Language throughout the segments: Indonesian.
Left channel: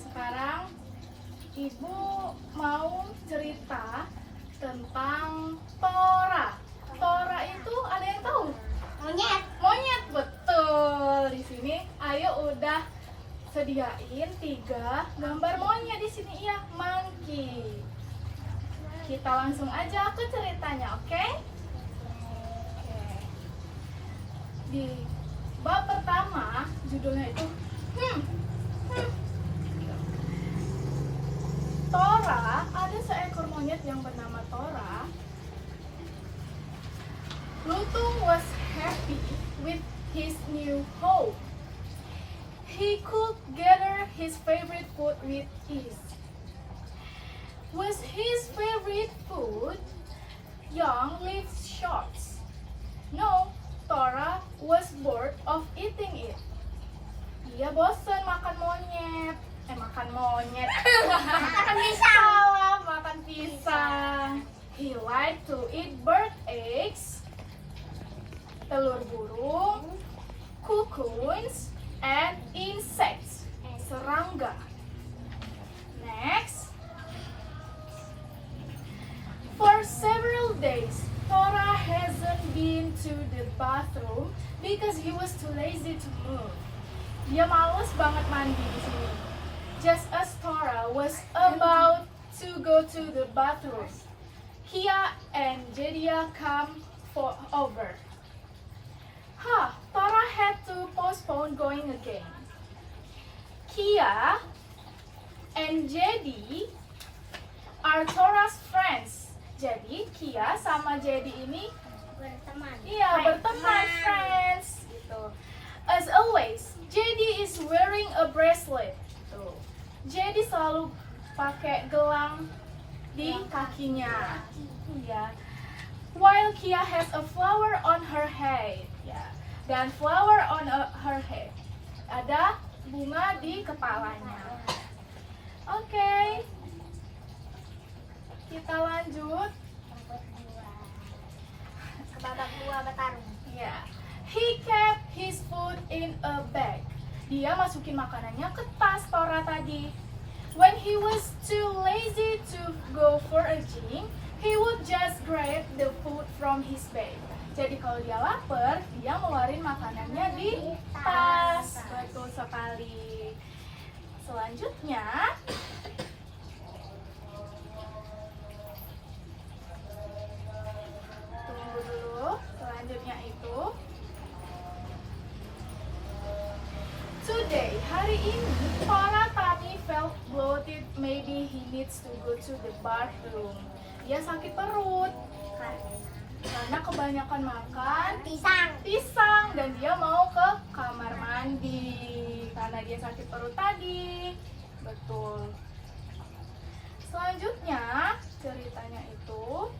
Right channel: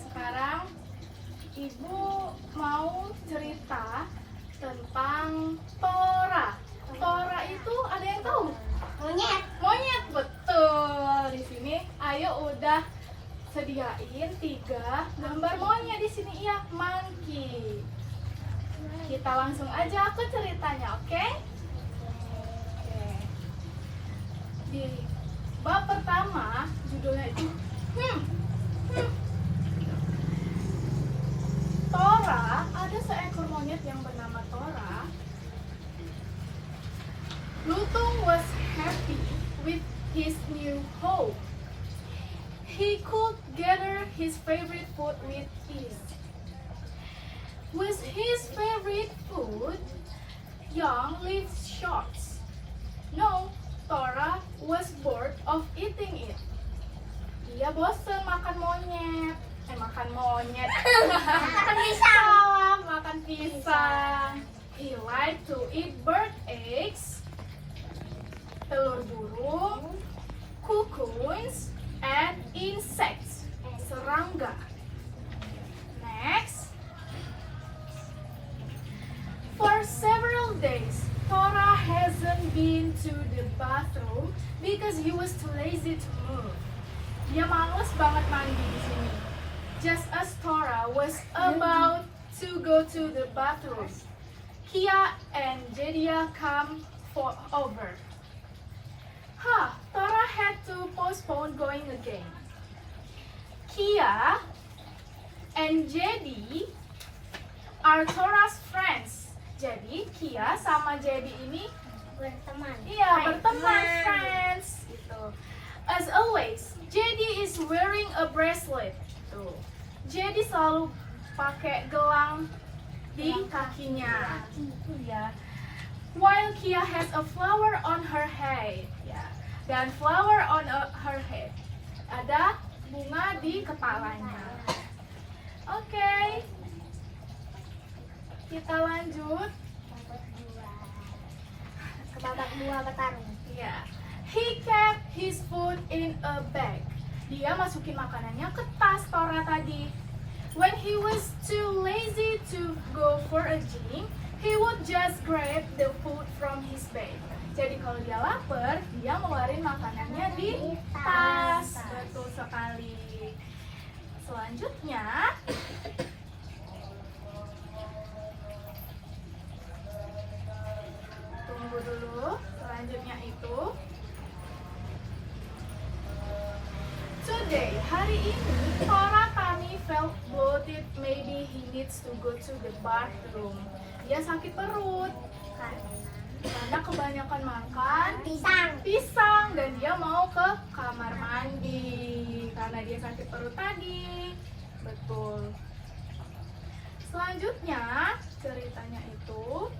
sekarang Ibu mau cerita tentang Tora. Tora itu ada yang tahu? Monyet. Monyet, betul. Di sini Ayo udah sediain 3 gambar monyet di sini, iya, monkey. Kita langsung aja ke ceritanya, oke? Oke. Di bab pertama judulnya itu Tora. Ada seekor monyet yang bernama Tora. Lutung was happy with his new home. He could gather his favorite food with ease. Was his favorite food young leaf shoots? No, Tora was bored of eating it. Dia bosan makan monyet. Makan monyet. Makan pisang. Salah, makan pisang. He liked to eat bird eggs, telur burung, cocoons, and insects, serangga. Next. For several days, Tora hasn't been to the bathroom because he was too lazy to move. Dia malas banget mandi di sini. Just as Tora was about to go to the bathroom, Kia and Jedia come over. Tora had to postpone going again. Kia and Jedi are Tora's friends. Jadi Kia sama Jedi ini Berteman. berteman, friends. Gitu. As always, Jedi is wearing a bracelet. Tuh. Jedi selalu pakai gelang di kakinya. Ya. While Kia has a flower on her head. Ya. Dan flower on her head. Ada bunga di kepalanya. Oke. Kita lanjut. Ke babak 2 bertarung. Ya. He kept his food in a bag. Dia masukin makanannya ke tas Tora tadi. When he was too lazy to go for a gym, he would just grab the food from his bag. Jadi kalau dia lapar, dia ngeluarin makanannya di tas. Betul sekali. Selanjutnya, tunggu dulu. Selanjutnya itu Today, hari ini, Tora tummy felt bloated. Maybe he needs to go to the bathroom. Dia sakit perut karena kebanyakan makan pisang dan dia mau ke kamar mandi karena dia sakit perut tadi. Betul. Selanjutnya, ceritanya itu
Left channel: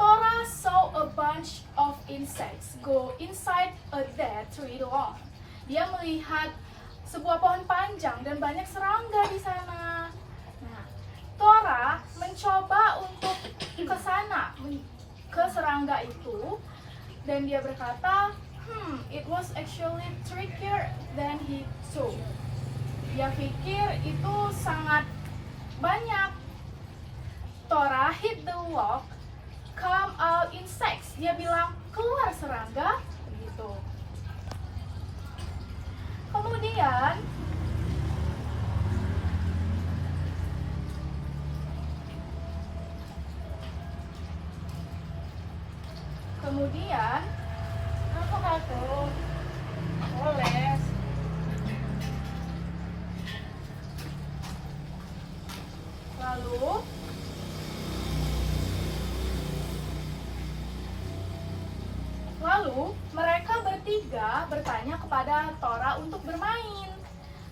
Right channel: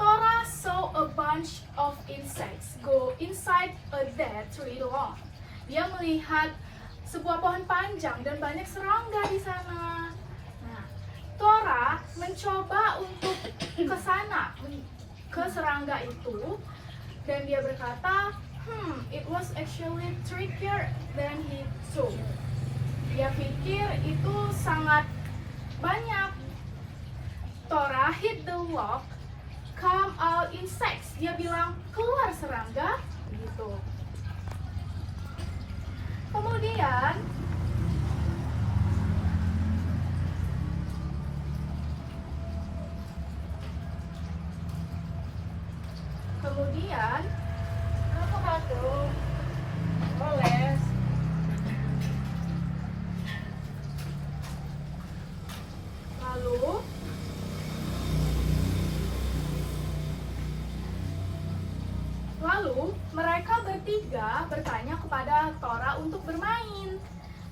Tora saw a bunch of insects go inside a dead tree long. Dia melihat sebuah pohon panjang dan banyak serangga di sana. Nah, Tora mencoba untuk ke sana, ke serangga itu, dan dia berkata, it was actually trickier than he thought. Dia pikir itu sangat banyak. Tora hit the log, come out insects. Dia bilang, keluar serangga, gitu. Kemudian apa tuh? Boleh. Lalu mereka bertiga bertanya kepada Tora untuk bermain.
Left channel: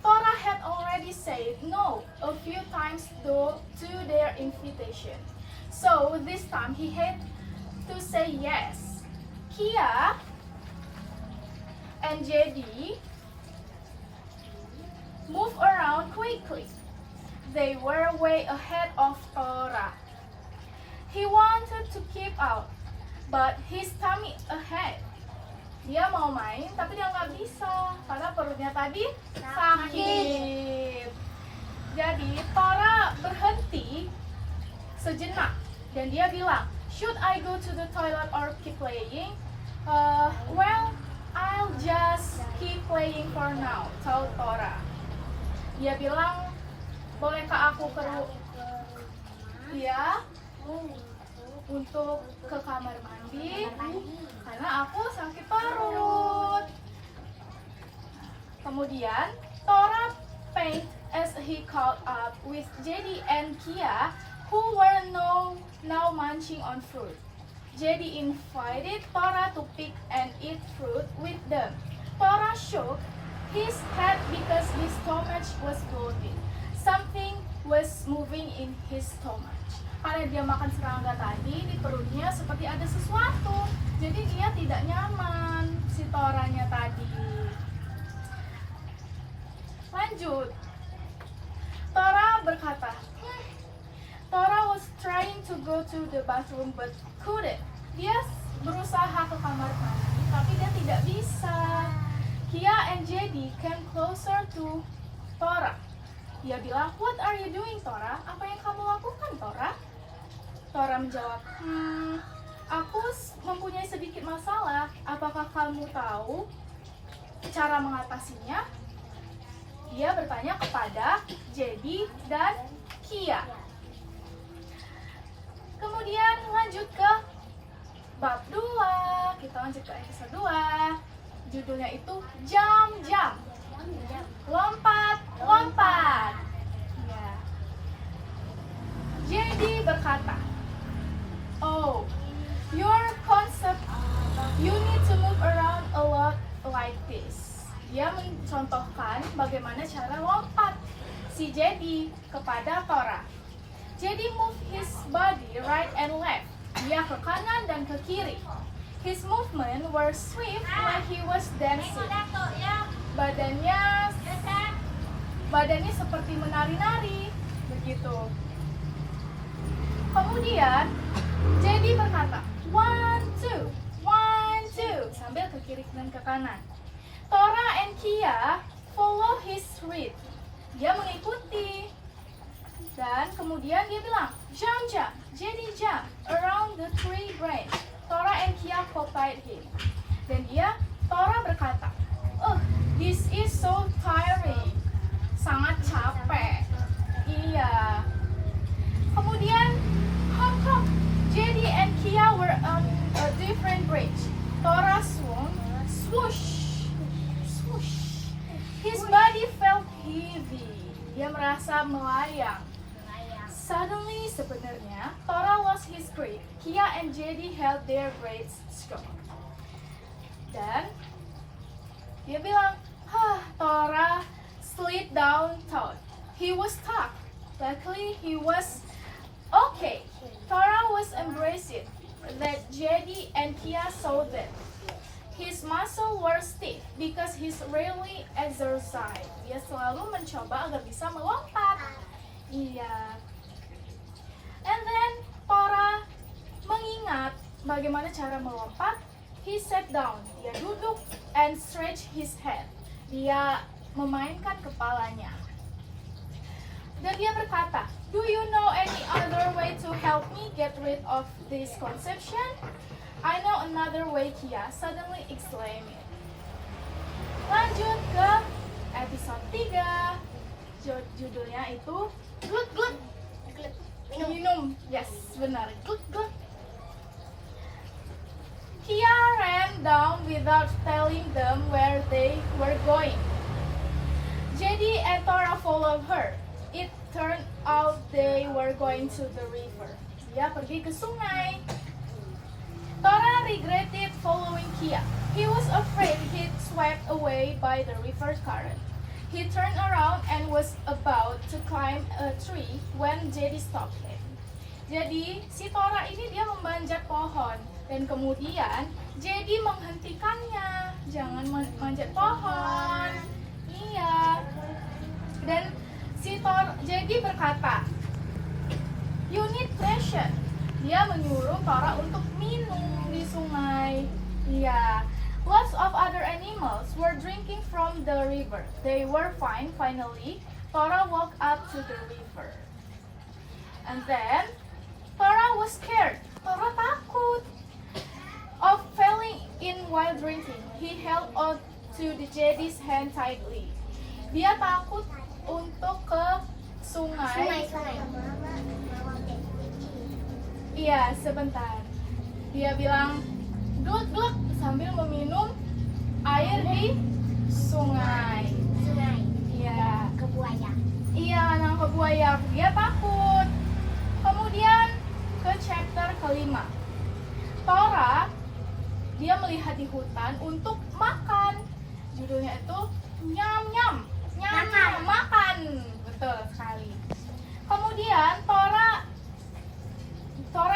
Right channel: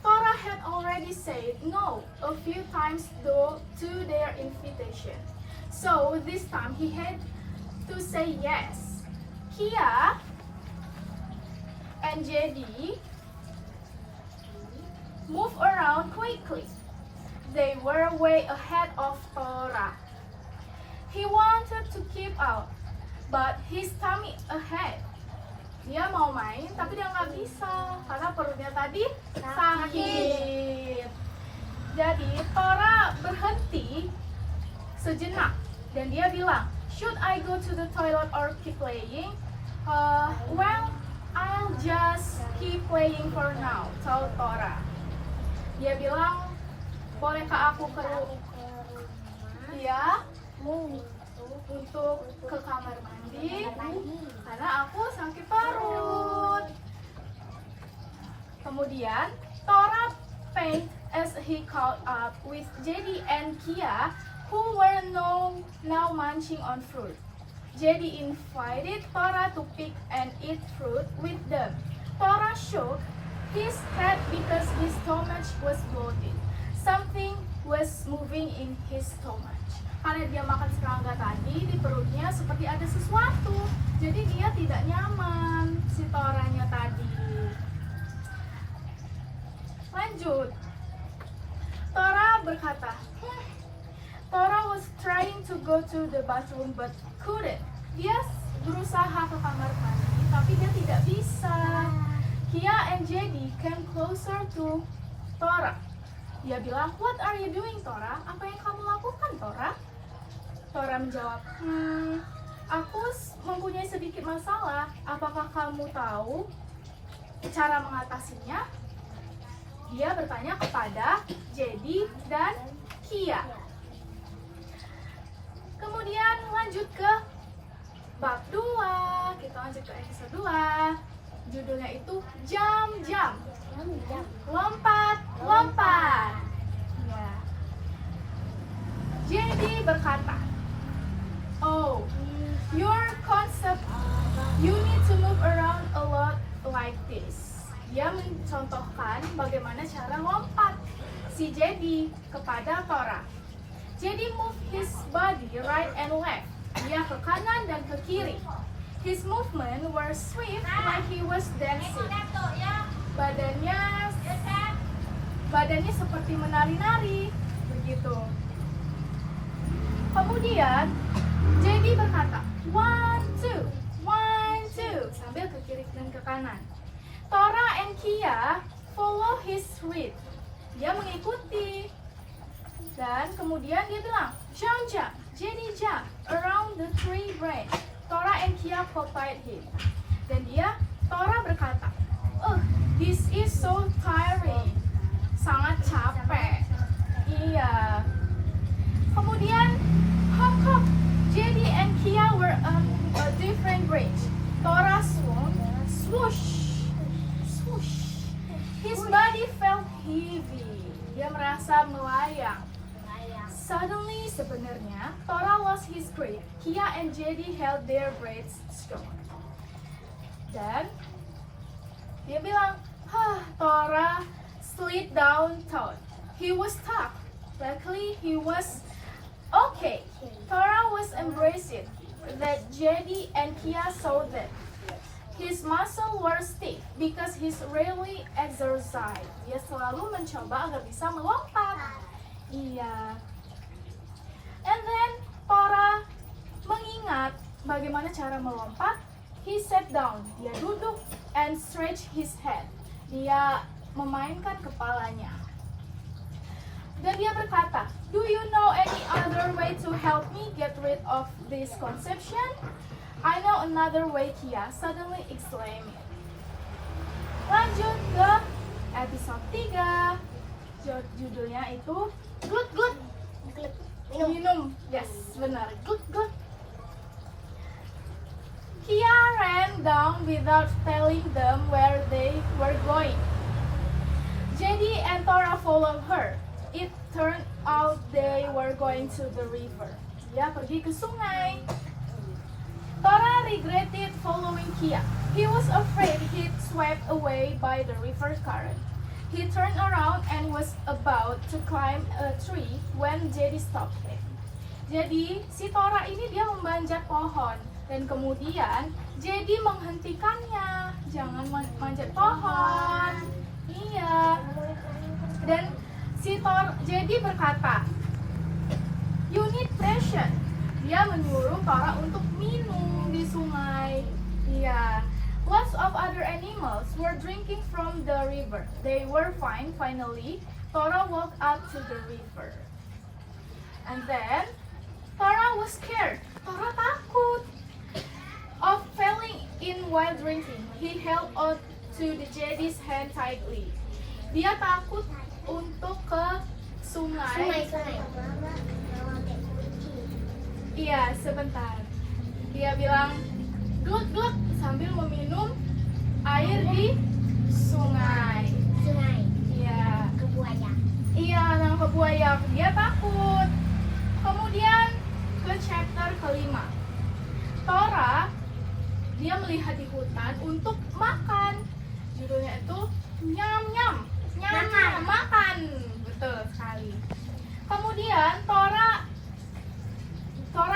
Tora had already said no a few times though to their invitation. So this time he had to say yes. Kia and Jedi moved around quickly. They were way ahead of Tora. He wanted to keep out, but his tummy ahead. Dia mau main, tapi dia nggak bisa karena perutnya tadi sakit. berhenti sejenak dan dia bilang, "Should I go to the toilet or keep playing?" Well, I'll just keep playing for now, told Tora. Dia bilang, "Bolehkah aku dia untuk ke kamar mandi karena aku sakit perut." Kemudian Tora paint as he caught up with JD and Kia, who were now munching on fruit. JD invited Tora to pick and eat fruit with them. Tora shook his head because his stomach was bloated. Something was moving in his stomach. Karena dia makan serangga tadi, di perutnya seperti ada sesuatu. Jadi dia tidak nyaman, si Toranya tadi. Lanjut. Tora berkata, Tora was trying to go to the bathroom but couldn't. Dia berusaha ke kamar mandi, tapi dia tidak bisa. Kia and JD came closer to Tora. Dia bilang, "What are you doing, Tora? Apa yang kamu lakukan, Tora?" Tora menjawab, "Aku mempunyai sedikit masalah. Apakah kamu tahu cara mengatasinya?" Dia bertanya kepada JD dan Kia. Kemudian lanjut ke bab 2. Kita lanjut ke episode 2. Judulnya itu Jam-Jam. Lompat-lompat. Ya. JD berkata, "Oh, your concept, you need to move around a lot like this." Dia mencontohkan bagaimana cara lompat si JD kepada Tora. JD moved his body right and left. Dia ke kanan dan ke kiri. His movement were swift like he was dancing. Badannya seperti menari-nari, begitu. Kemudian JD berkata, "One, two," sambil ke kiri dan ke kanan. Tora and Kia follow his lead. Dia mengikuti. Dan kemudian dia bilang, "Jump, jump." JD jump around the tree branch. Tora and Kia copied him. Dan Tora berkata, "This is so tiring." Sangat capek. Iya. Kemudian hop hop. JD and Kia were on a different branch. Tora swung, swoosh. His body felt heavy. Dia merasa melayang. Suddenly, sebenarnya, Tora lost his grip. Kia and JD held their breaths strong. Dan dia bilang, Tora slid down thought. He was stuck. Luckily, he was okay. Tora was embraced that JD and Kia saw that. His muscles were stiff because he's rarely exercised. Dia selalu mencoba agar bisa melompat. Iya. And then Tora mengingat bagaimana cara melompat. He sat down. Dia duduk and stretch his head. Dia memainkan kepalanya. Dan dia berkata, "Do you know any other way to help me get rid of this conception?" "I know another way," Kia suddenly exclaimed. Lanjut ke episode 3. Judulnya itu Good Good. Minum. Yes, benar. Good Good. Kia ran down without telling them where they were going. JD and Tora followed her. It turned out they were going to the river. Dia pergi ke sungai. Tora regretted following Kia. He was afraid he'd swept away by the river current. He turned around and was about to climb a tree when JD stopped him. Jadi, si Tora ini dia memanjat pohon. Dan kemudian, JD menghentikannya. Jangan manjat pohon. Iya. Dan JD berkata, "You need patience." Dia menyuruh Tora untuk minum di sungai. Iya. Lots of other animals were drinking from the river. They were fine. Finally, Tora walked up to the river. And then Tora was scared. Tora takut of falling in while drinking. He held on to the Jedi's hand tightly. Dia takut untuk ke sungai. Iya, sebentar. Dia bilang gluk-gluk sambil meminum air di sungai. Iya. Ke buaya. Iya, nangkep buaya. Dia takut. Kemudian ke chapter kelima. Tora, dia melihat di hutan untuk makan. Judulnya itu nyam-nyam. Nyam-nyam, makan. Betul sekali. Kemudian Tora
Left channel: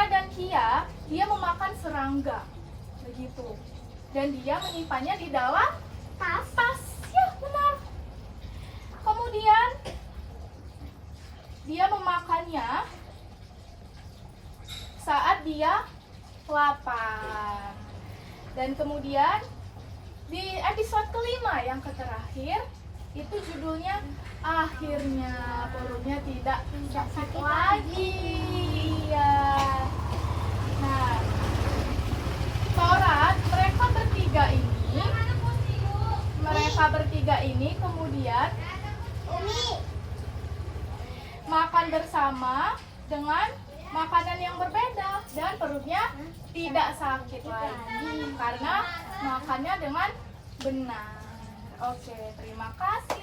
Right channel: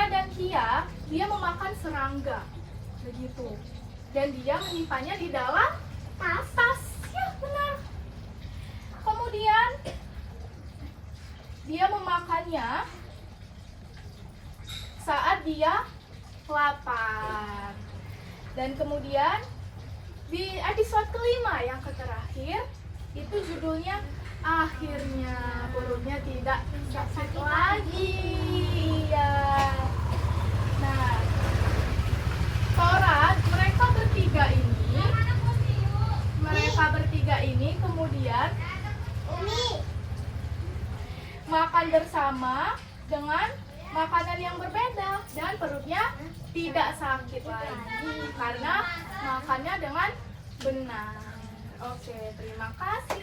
dan Kia, dia memakan serangga. Begitu. Dan dia menyimpannya di dalam tas. Ya, benar. Kemudian dia memakannya saat dia lapar. Dan kemudian di episode kelima yang terakhir itu judulnya akhirnya perutnya tidak sakit lagi. Ya. Nah, Tora, mereka bertiga ini kemudian makan bersama dengan makanan yang berbeda dan perutnya tidak sakit lagi karena makannya dengan benar. Oke, terima kasih.